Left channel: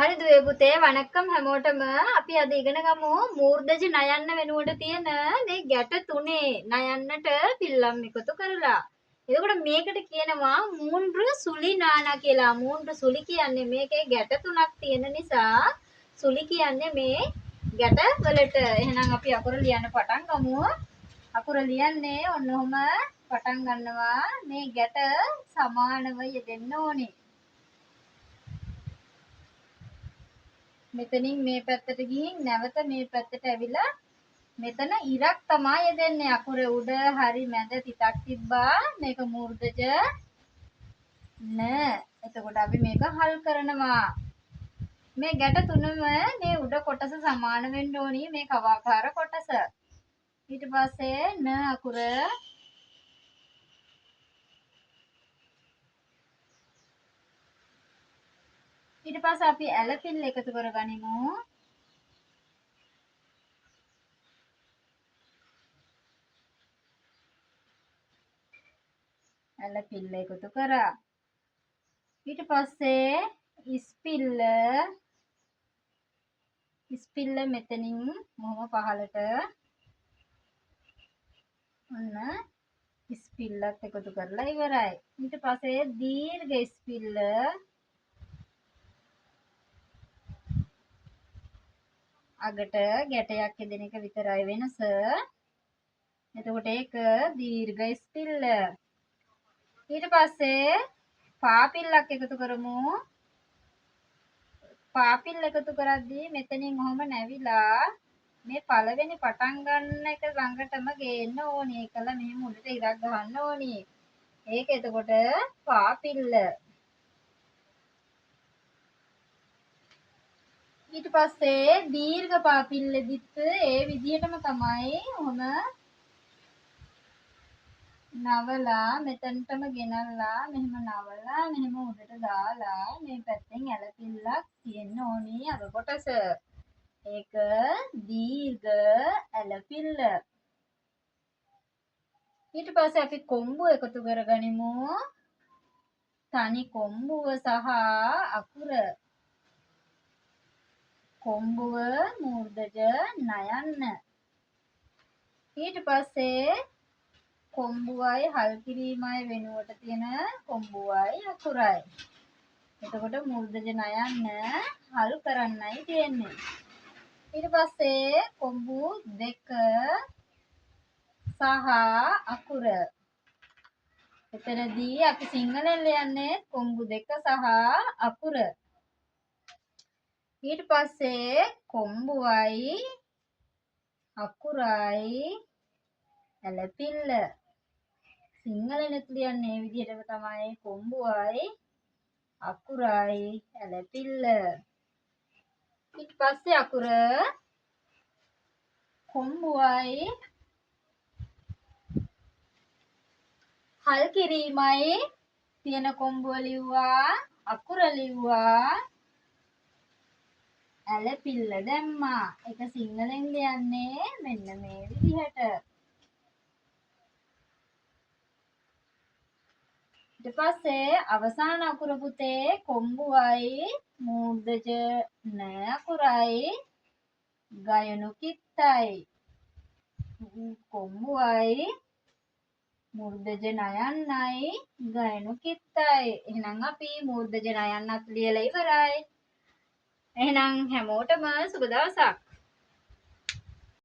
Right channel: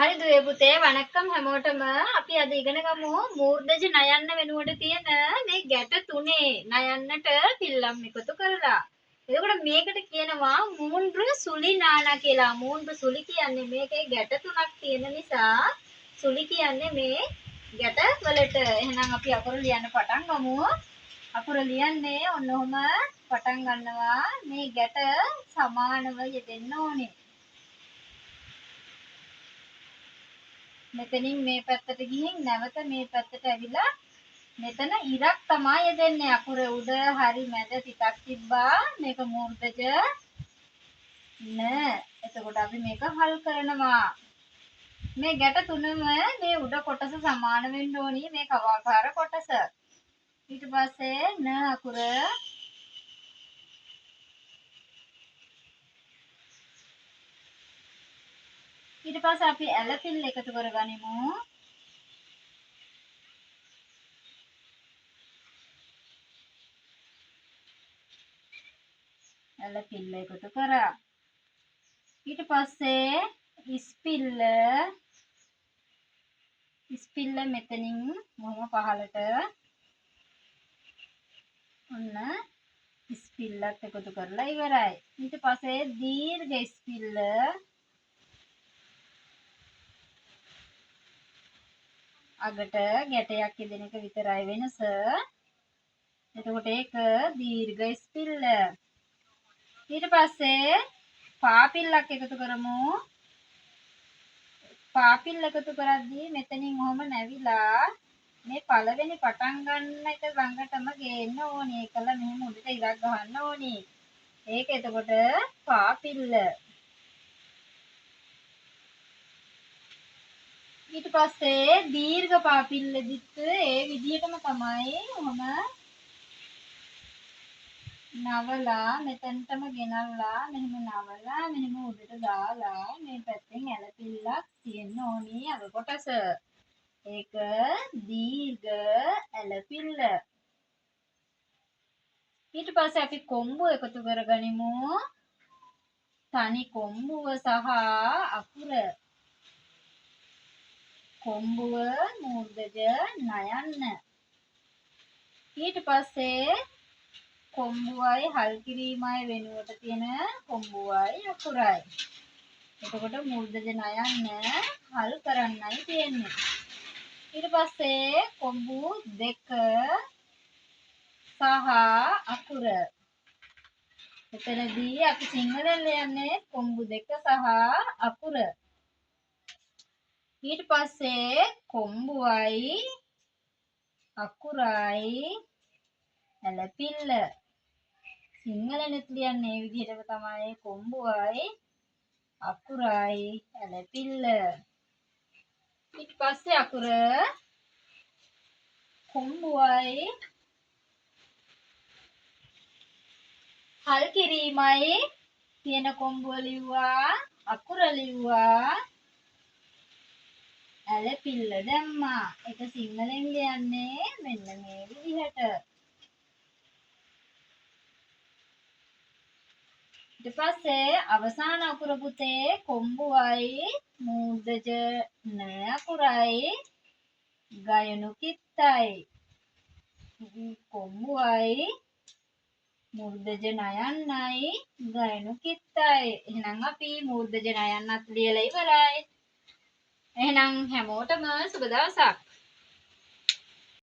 හරි දුවේ පුතේ වණක්කම් හැමෝටම අපි අද ඉගෙන ගමු මූර්ධජ නයන්න වෙනුවට තියෙන මේ ගැට තුනේ නයන්නට පිල්ලම් එකතු කරලා. එතකොට මේකට කියනවා මූන්ද්‍ර සුලි නානා කියලා. මූන්ද්‍ර සුලි කියන්නේ මේකේ ගැට තුනක් තියෙන නිසා සුලි කියන්නේ මේ ගැට වලට. එහෙනම් අපි අකුරු ලියන්න පටන් ගමු. අකුරු ලියන්නේ ඔන්න ඔහම පටන් ගන්නවා. මේ ගැට සමානව යෙදෙන්න ඕනේ. මෙතනින් මේ පැත්තට ගිහින් නැවත මේ පැත්තට ඇවිල්ලා මෙතන ඉරක් තමයි යෙදෙන්නේ. අකුරේ උඩ හරි මැද තිතක් තිබ්බා. මේක මූර්ධජ න. එතකොට අපි මේක හල් කරනවා. මේ ගැට තුනම මේ උඩ කොටස සමාන වෙන්න ඕනි. මේ කවාකාර කොටස. ඊට පස්සේ න අකුර ඊට පස්සේ අපි ඇලපිල්ල එකතු කරගනිමු. ඇලපිල්ල එකතු කරා. ඊට පස්සේ ඉස්පිල්ල මෙතනින් මොහොම පහලට ඔන්න ඉස්පිල්ලත් එකතු කරලා ඉවරයි. ඊට පස්සේ දීර්ඝ ඉස්පිල්ල අගට ගැටයක් යෙදෙන එක විතරයි වෙනස. එතකොට ඒක දීර්ඝ ඉස්පිල්ල. ඊට පස්සේ පාපිල්ලක් එකතු කරමු. පාපිල්ල එකතු කරද්දී මෙතනින් ඔහම නැවිලා මේ පළවෙනි පටන් ගන්න එක ළඟටම ගේන්න ඕනේ. ඒකල මෙහෙම උඩට ඉරක් ගහන්න ඕනේ. ඒක එතකොට පාපිල්ල. ඊට පස්සේ දීර්ඝ පාපිල්ලෙදිත් ඒ විදිහටම තමයි ඔහම නවලා මෙතනටම ගෙනල්ලා මෙහෙම නවලා මෙහෙම උඩට දාලා මේ පැත්තෙන් ඇලපිල්ලක් තියෙන්න ඕනි අග කොටස. ඒක දීර්ඝ ඇලපිල්ල. ඊට පස්සේ අපි කොම්බුව එකතු කරගනිමු. තනි කොම්බුව සහ අකුර. කොම්බුව මූර්ධජ නයන්න. ඊට පස්සේ කොම්බුවයි හල් කිරීමයි වෙනුවට තියෙන කොම්බුවයි අකුරයි. එතකොට මූර්ධජ නයන්න හල් කරන්නයි තියෙන්නේ. ඊට පස්සේ කොම්බු දෙක සහ අකුර. එතනදී අපි සිංහලෙන් ලියන්නේ කොම්බු දෙක සහ අකුර. ඊට පස්සේ කොම්බුවයි අකුරයි ඇලපිල්ල. සිංහලෙන්ත් ලියන්නේ මේ විදිහටම තමයි කොම්බුවයි අකුරයි ඇලපිල්ල. ඊට පස්සේ අකුර කොම්බුවයි හල් කිරීමයි තියෙන කොම්බුව ලිව්වා අකුර ලිව්වා ඇලපිල්ල දැම්මා. ඒක සිංහලෙන් ලියන්නේ මෙන්න මේ විදිහට. ඊට පස්සේ අවසාන අකුර පුතේ කොම්බුවයි මූර්ධජ න අකුරයි ගයනු කිත්තයි. කොම්බුවයි මූර්ධජ නයන්නයි ගයනු කිත්තයි. එහෙනම් අපි මූර්ධජ නයන්නත් ලියලා ඉවරයි. එහෙනම් හැමෝටම සුබ දවසක්.